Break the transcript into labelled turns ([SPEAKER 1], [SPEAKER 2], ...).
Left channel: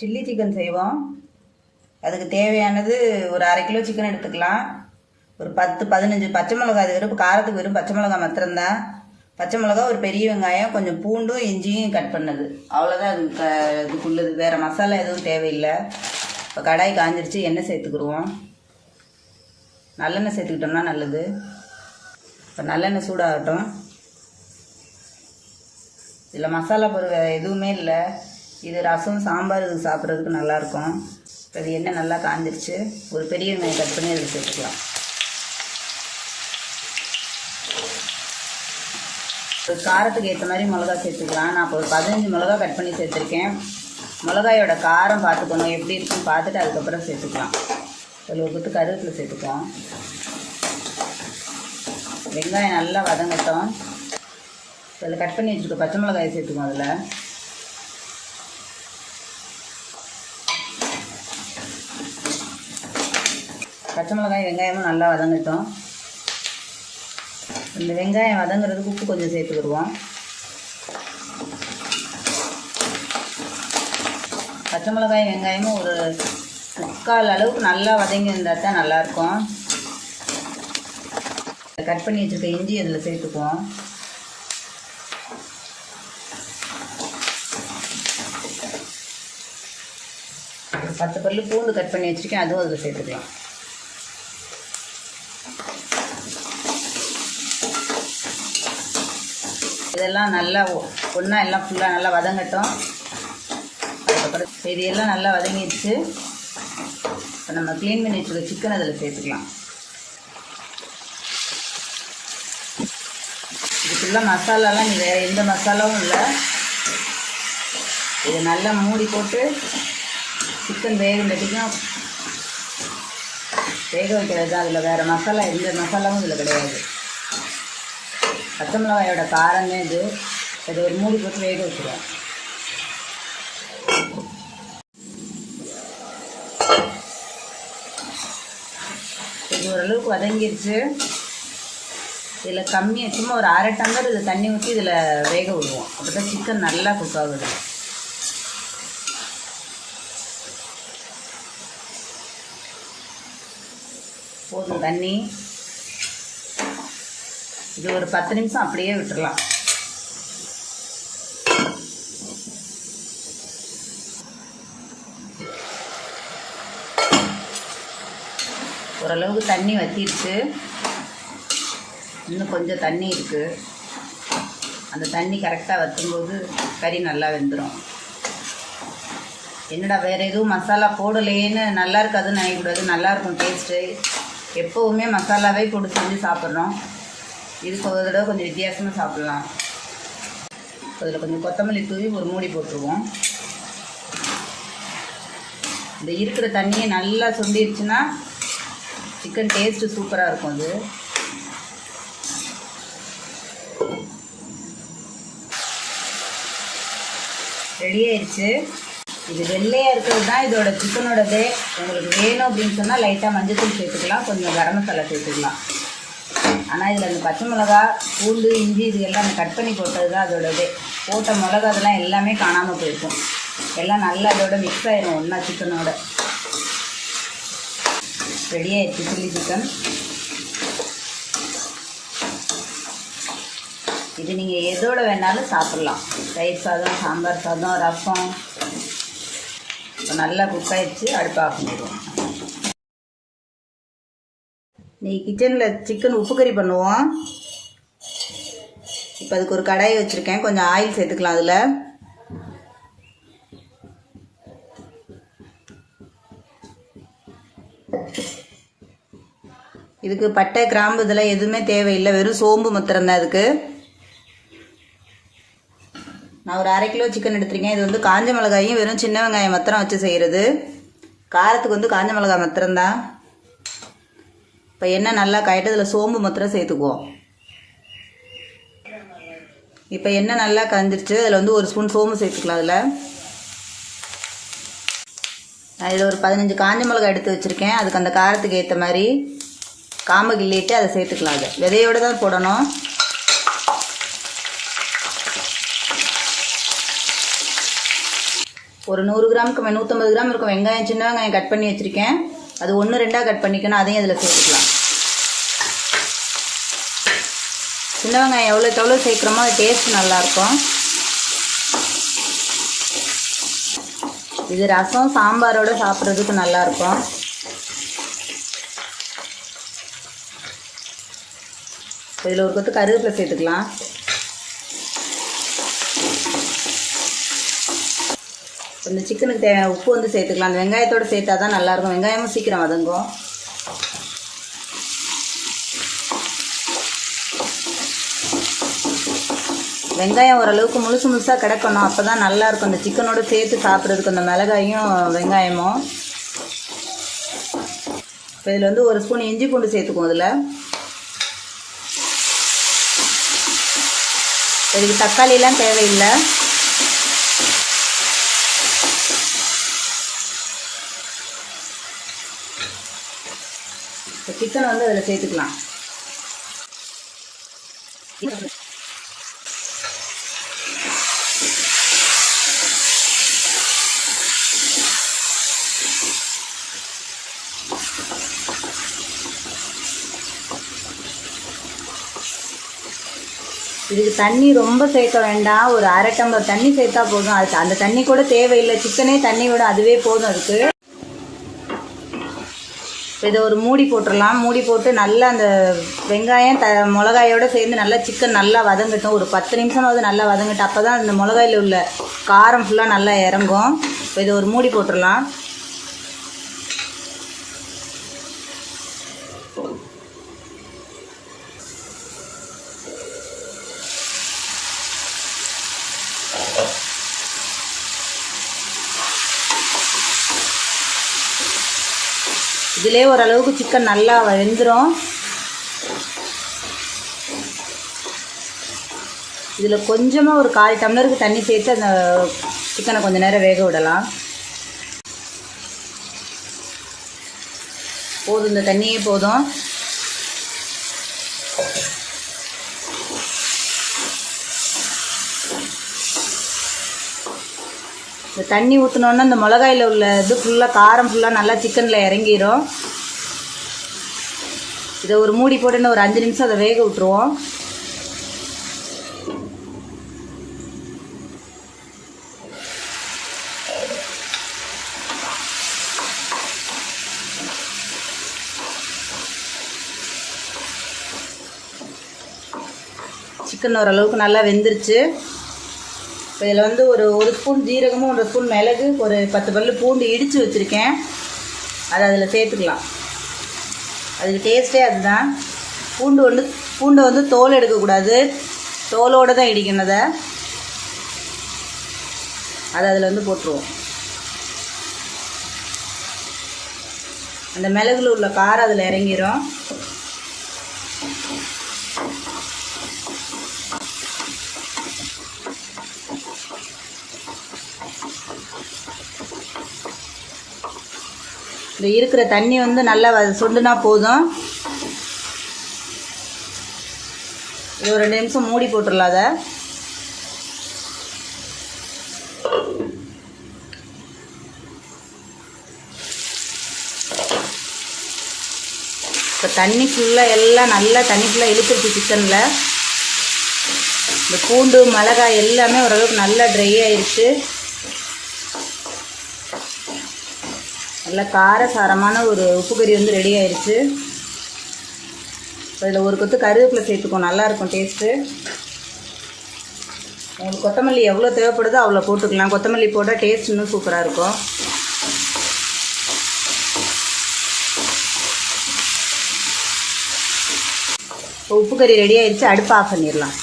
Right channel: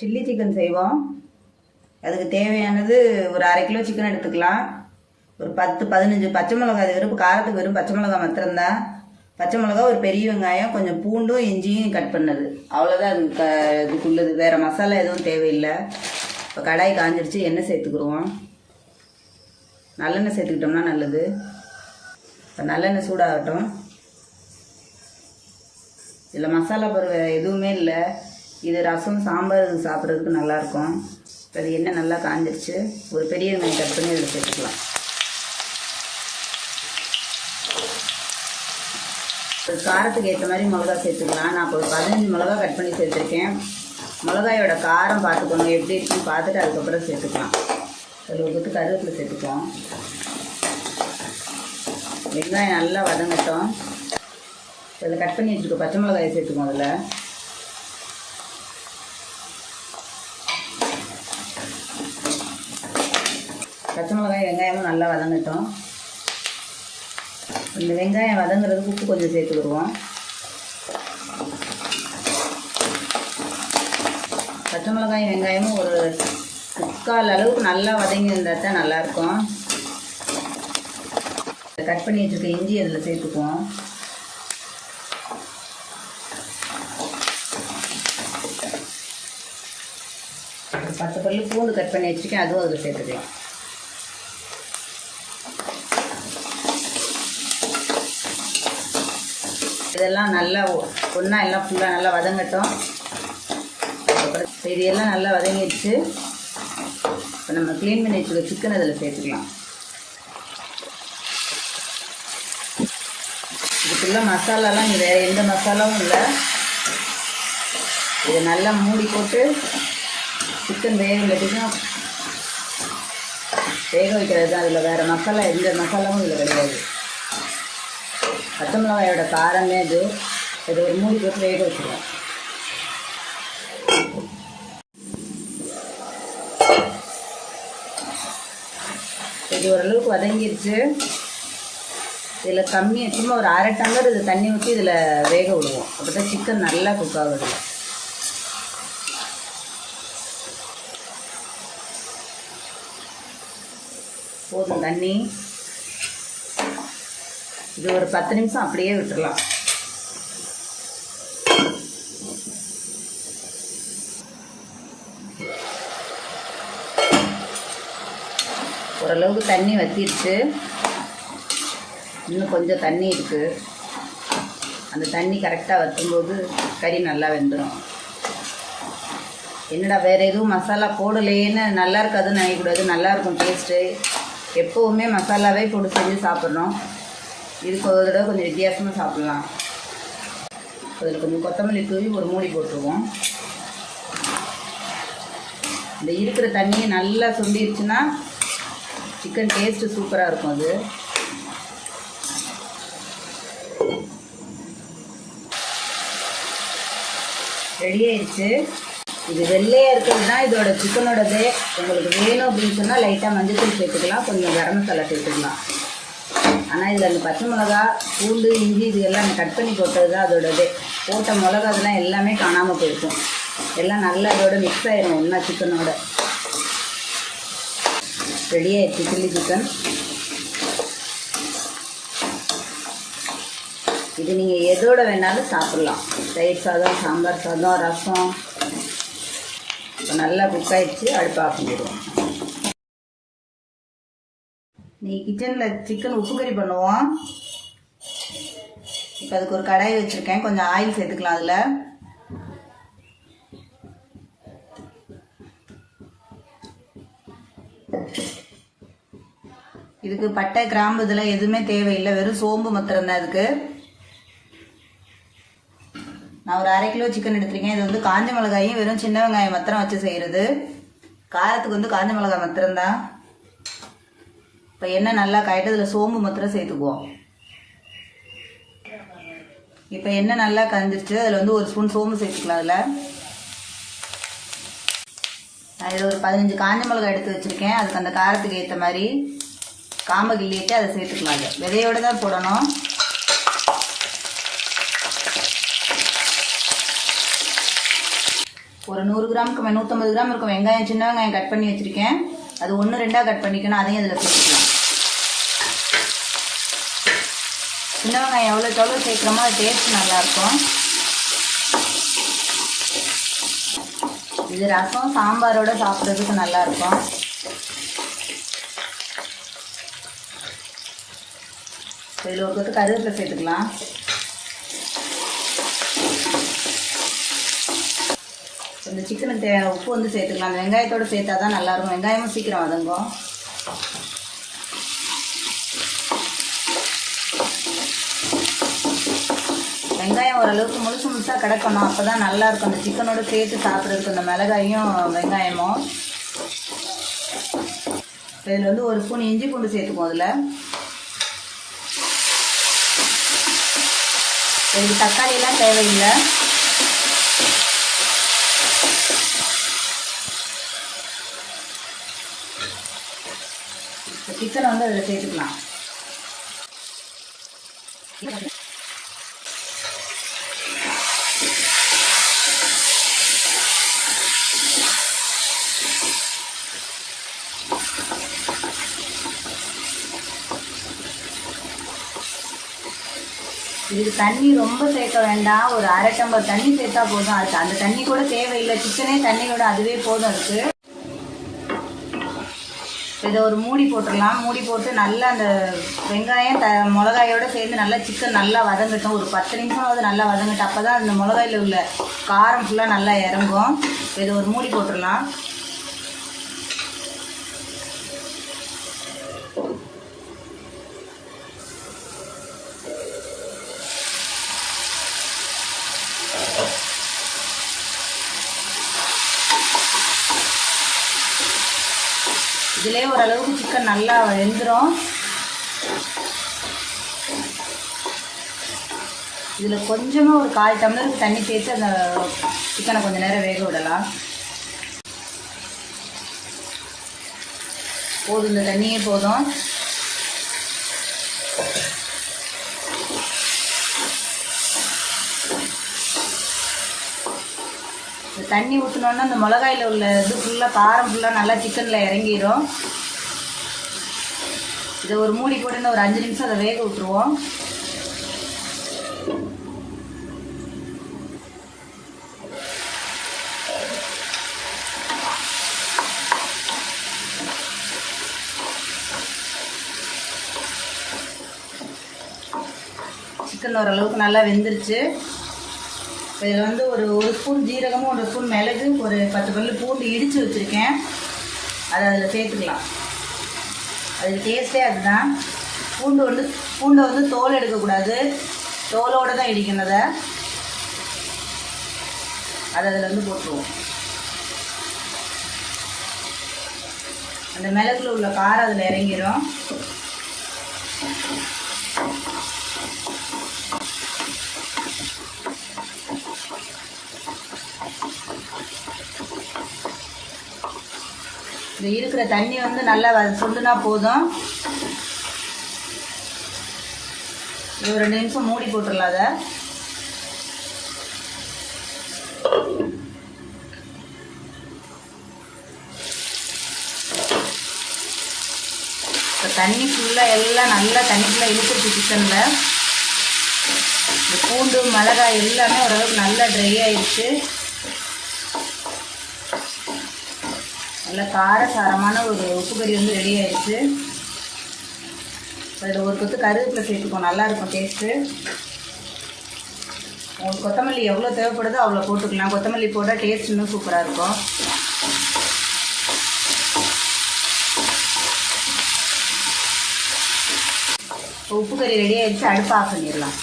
[SPEAKER 1] Chilli chicken செய்வோம். அதுக்கு தேவையானது ஒரு அரை கிலோ சிக்கன் எடுத்துக்கலாம். ஒரு பத்து பதினஞ்சு பச்சை மிளகாய் அது வெறும் காரத்துக்கு வெறும் பச்சை மிளகாய் மாத்திரம்தான். பச்சை மிளகாய் ஒரு பெரிய வெங்காயம் கொஞ்சம் பூண்டும் இஞ்சியும் கட் பண்ணது. அவ்வளோதான் அது க இதுக்குள்ளது. வேறு மசாலா எதுவும் தேவையில்லை. இப்போ கடாய் காஞ்சிருச்சு எண்ணெய் சேர்த்துக்குருவோம் நல்லெண்ணெய் சேர்த்துக்கிட்டோம்னா நல்லது. இப்போ நல்லெண்ணெய் சூடாகட்டும். இதில் மசாலா பொருள் எதுவுமே இல்லை. இது ரசம் சாம்பார் சாப்பிட்றதுக்கு நல்லாயிருக்கும். அது என்ன நல்லா காஞ்சிருச்சு. ஒரு பெரிய வெங்காயம் கட் பண்ணி அதில் சேர்த்துக்கலாம். காரத்துக்கு ஏற்ற மாதிரி மிளகா சேர்த்துக்கலாம். நான் இப்போ ஒரு பதினஞ்சு மிளகா கட் பண்ணி சேர்த்துருக்கேன். மிளகாயோட காரம் பார்த்துக்கோங்க. எப்படி இருக்குன்னு பார்த்துட்டு அதுக்கப்புறம் சேர்த்துக்கலாம். ஒரு விட்டு கருவேப்பிலை சேர்த்துக்கலாம். வெங்காயம் நல்லா வதங்கட்டும். அதில் கட் பண்ணி வச்சுருக்க பச்சை மிளகாயை சேர்த்துக்கோங்க அதில். பச்சை மிளகாய் வெங்காயமும் நல்லா வதங்கட்டும். இந்த வெங்காயம் வதங்குறதுக்கு உப்பு கொஞ்சம் சேர்த்துக்கிடுவோம். பச்சை மிளகாய் வெங்காயமும் ஒரு முக்கால் அளவுக்கு நல்லா வதங்கி இருந்தால் தான் நல்லாயிருக்கும். கட் பண்ணி வச்சுருக்க இஞ்சி அதில் சேர்த்துக்குவோம். பத்து பல்லு பூண்டு கட் பண்ணி வச்சுருக்கேன் அதுவும் அதில் சேர்த்துக்கலாம். இதெல்லாம் நல்லா ஒன்றா எல்லாம் ஃபுல்லாக நல்லா வதங்கட்டும். அதுக்கப்புறம் இது எல்லாம் நல்லா வதங்கிடுச்சு இப்போ நம்ம க்ளீன் பண்ணி வச்சுருக்க சிக்கன் அதில் சேர்த்துக்கலாம். இதுக்குள்ள மசாலாலாம் இங்கே வேறு எந்த மசாலாவும் இல்லை. இது நல்லா மூடி போட்டு சிக்கன் வேக வைக்கணும் வேக வைக்கிறது தான் அதில் வேறு மசாலா எந்த மசாலாவும் இதில் கிடையாது. பச்சை மிளகாயோட காரமே இது. இது ஒரு மூடி போட்டு வேக வச்சுருவோம் இது ஓரளவுக்கு வதங்கிருச்சு. இதில் கம்மி சும்மா ஒரு அரை டம்ளர் இது தண்ணி ஊற்றி இதில் வேக விடுவோம். அப்போ தான் சிக்கன் நல்லா குக் ஆகுது. போதும் தண்ணி. இது ஒரு பத்து நிமிஷம் அப்படியே விட்டுறலாம் ஓரளவுக்கு தண்ணி வத்திருச்சு. இன்னும் கொஞ்சம் தண்ணி இருக்குது அந்த தண்ணி கரெக்டாக வற்றும்போது கறி நல்லா வெந்துடும் என்னடா வேறு எதுவும் மசாலா போடலேன்னு நல்லா இருக்காதுன்னு நினைக்கக்கூடாது. நல்லாயிருக்கும் டேஸ்ட்டு எப்போவுமே மசாலாவே போட்டு செஞ்சு சாப்பிட்றோம் இதுக்கு ஒரு தடவை கொஞ்சம் வித்தியாசமாக சாப்பிட்லாம். அதில் கொஞ்சம் கொத்தமல்லி தூவி ஒரு மூடி போட்டுருவோம். இந்த இருக்கிற தண்ணியை நல்லா சுண்டிருச்சுன்னா சிக்கன் டேஸ்ட்டு சூப்பராக இருக்கும் அது. ரெடி ஆயிடுச்சு இது வெள்ளையாக இருக்கிறது தான் இதோட சிக்கனோடது உங்களுக்கு வேணும் அப்படின்னு சொன்னால் லைட்டாக மஞ்சள் தூள் சேர்த்துக்கலாம். கொஞ்சம் கரம் மசாலா சேர்த்துக்கலாம். ஆனால் இதில் அந்த பச்சை மிளகா பூண்டு இஞ்சி இது எல்லாம் கட் பண்ணி போட்டது தான் அதோட இது. போட்ட மிளகா அதெல்லாம் எல்லாமே காணாமல் போயிருக்கும். எல்லாம் நல்லா அதோட மிக்ஸ் ஆகிடும் ஒன்றா சிக்கனோட ரெடி ஆயிடுச்சு சில்லி சிக்கன் இது நீங்கள் எதோட வேணாலும் சாப்பிட்லாம். தயிர் சாதம் சாம்பார் சாதம் ரசம். நல்லா குக் ஆகிடுச்சு அடுப்பாக பண்ணிடுவோம். நீ கிச்சனில் சிக்கன் உப்பு கறி பண்ணுவோம். இப்போ அதுக்கு ஒரு கடாயை வச்சுருக்கேன். கொஞ்சம் ஆயில் சேர்த்துக்கலாம் அதில். இதுக்கு பட்டை கிராம்பு இதெல்லாம் எதுவுமே தேவையில்லை. வெறும் சோம்பு மாத்திரம் தான் இதுக்கு. நான் ஒரு அரை கிலோ சிக்கன் எடுத்திருக்கேன். இது வந்து காஞ்ச மிளகாயும் வெறும் சின்ன வெங்காயம் மாத்திரம் வச்சு செய்கிறது காரத்துக்கு வந்து காஞ்ச மிளகாய் மாத்திரம்தான். இப்போ எண்ணெய் நல்லா காயிட்டு அதில் சோம்பு மாத்திரம் சேர்த்துக்குவோம். இப்போ எண்ணெய் நல்லா காஞ்சிருச்சு அதில் வந்து ஒரு ஸ்பூன் சோம்பு சேர்த்துக்கலாம் அதில். நான் இதில் ஒரு பதினஞ்சு காஞ்ச மிளகாய் எடுத்து வச்சுருக்கேன். அதுக்கு அந்த காரத்துக்கு ஏற்ற மாதிரி காம்பை கிள்ளிட்டு அதை சேர்த்துக்கலாம் அது. விதையோடு தான் போடணும். ஒரு நூறு கிராமுக்கு நூற்றம்பது கிராம் இருக்கும். வெங்காயம் சின்ன வெங்காயம் கட் பண்ணி வச்சுருக்கேன். அது ஒன்று ரெண்டாக கட் பண்ணிக்கணும் அதையும் அதில் சேர்த்துக்கலாம். சின்ன வெங்காயம் எவ்வளோக்கு எவ்வளோ சேர்க்குறோமோ அது டேஸ்ட் நல்லாயிருக்கும். இது ரசம் சாம்பாரோடு சாப்பிட்றதுக்கு நல்லாயிருக்கும். இதில் ஒரு கொத்து கருவேப்பிலை சேர்த்துக்கலாம். இந்த சிக்கனுக்கு தேவையான உப்பு வந்து சேர்த்துக்கலாம். அந்த வெங்காயத்தோடு சேர்த்தா தான் நல்லாயிருக்கும். வெங்காயமும் சீக்கிரம் வதங்கும். வெங்காயம் ஓரளவுக்கு முழுசு முழுசாக கிடக்கணும். அப்போ தான் நல்லாயிருக்கும். அந்த சிக்கனோடு சேர்த்து சாப்பிட்றதுக்கு அந்த மிளகாயும் வெங்காயமும். இப்போ இதில் வந்து ஒரு ஸ்பூன் இஞ்சி பூண்டு சேர்த்துக்குவோம் அதில். இதுக்கு தக்காளியெலாம் தேவையில்லை. சிக்கனை வந்து அதில் சேர்த்துக்கலாம். இதுக்கு தண்ணி ரொம்ப சேர்க்க வேண்டாம். ஒரு அரை டம்பர் தண்ணி சேர்த்தா போதும். அதுக்கு அந்த தண்ணி கூட தேவையில்லை. சிக்கனே தண்ணி விட அதுவே போதும் அதுக்கு. இதை ஒரு மூடி போட்டுடலாம். மூடி போட்டு நல்லா அந்த வெங்காயம் த மிளகாயோடு சேர்ந்து நல்லா சிக்கன் நல்லா வதங்கட்டும். ஒரு பத்து நிமிஷமாவது நல்லா வதங்கட்டும். அப்போ தான் அந்த மிளகாயில் உள்ள காரம் ஃபுல்லாக நல்லா இறங்கும். இதை ஒரு மூடி போட்டுடலாம். இதிலே ஓரளவுக்கு சிக்கன் நல்லா வெந்துடும் இதில் கொஞ்சமாக ஒரு கால் டம்ளருக்கு தண்ணி சேர்த்து அந்த சிக்கனை கொஞ்சம் நேரம் வேக விடலாம். போதும் இந்த தண்ணியே போதும். தண்ணி ஊற்றினோன்னா அந்த மிளகாயில் உள்ள இது ஃபுல்லாக காரம் ஃபுல்லாக நல்லா சிக்கனில் இறங்கிடும் இதை ஒரு மூடி போட்டுன்னு ஒரு அஞ்சு நிமிஷம் அதை வேக விட்டுருவோம். சிக்கன் ஓரளவுக்கு நல்லா வெந்துருச்சு. இதில் வந்து ஒரு ஒரு ஸ்பூன் ஜீரகமும் ஒரு ஸ்பூன் மிளகு ஒரு பத்து பல்லு பூண்டு இடித்து வச்சுருக்கேன். அதை அதில் சேர்த்துக்கலாம். அது டேஸ்ட்டே அதுதான். பூண்டு வந்து பூண்டை வந்து தோல் எடுக்கக்கூடாது. தோலோடு தான் இடிக்கணும் அதை. அதை அதில் வந்து போட்டுருவோம். அந்த மிளகுல உள்ள காரம் அதில் இறங்கிரும். இந்த இருக்கிற தண்ணி வந்து நல்லா வ- போதும். இது ஒரு ரெண்டு நிமிஷம் மூடி போட்டுடலாம் அதை. இப்போ தண்ணி ஃபுல்லாக எல்லாம் நல்லா தண்ணி ஃபுல்லாக இழுத்துருச்சு சிக்கனில் இந்த பூண்டு மிளகாய் எல்லாமே ஓரளவுக்கு நல்லா ட்ரை ஆயிடுச்சு. நல்ல காரசாரமான ஒரு உப்பு கறி வந்து ரெடி ஆயிடுச்சு இதில் ஒரு கொத்து கருவேப்பிலை சேர்த்துக்கோ நல்லாயிருக்கும் டேஸ்ட்டு கொத்தமல்லி எவ்வளோ தேவைப்படுதோ அவ்வளோ போட்டுக்கலாம். கொத்தமல்லி போட்டால் டேஸ்ட் இன்னும் சூப்பராக இருக்கும். உப்பு கறி ரெடி ஆயிடுச்சு அடுப்பு ஆஃப் பண்ணிடலாம்.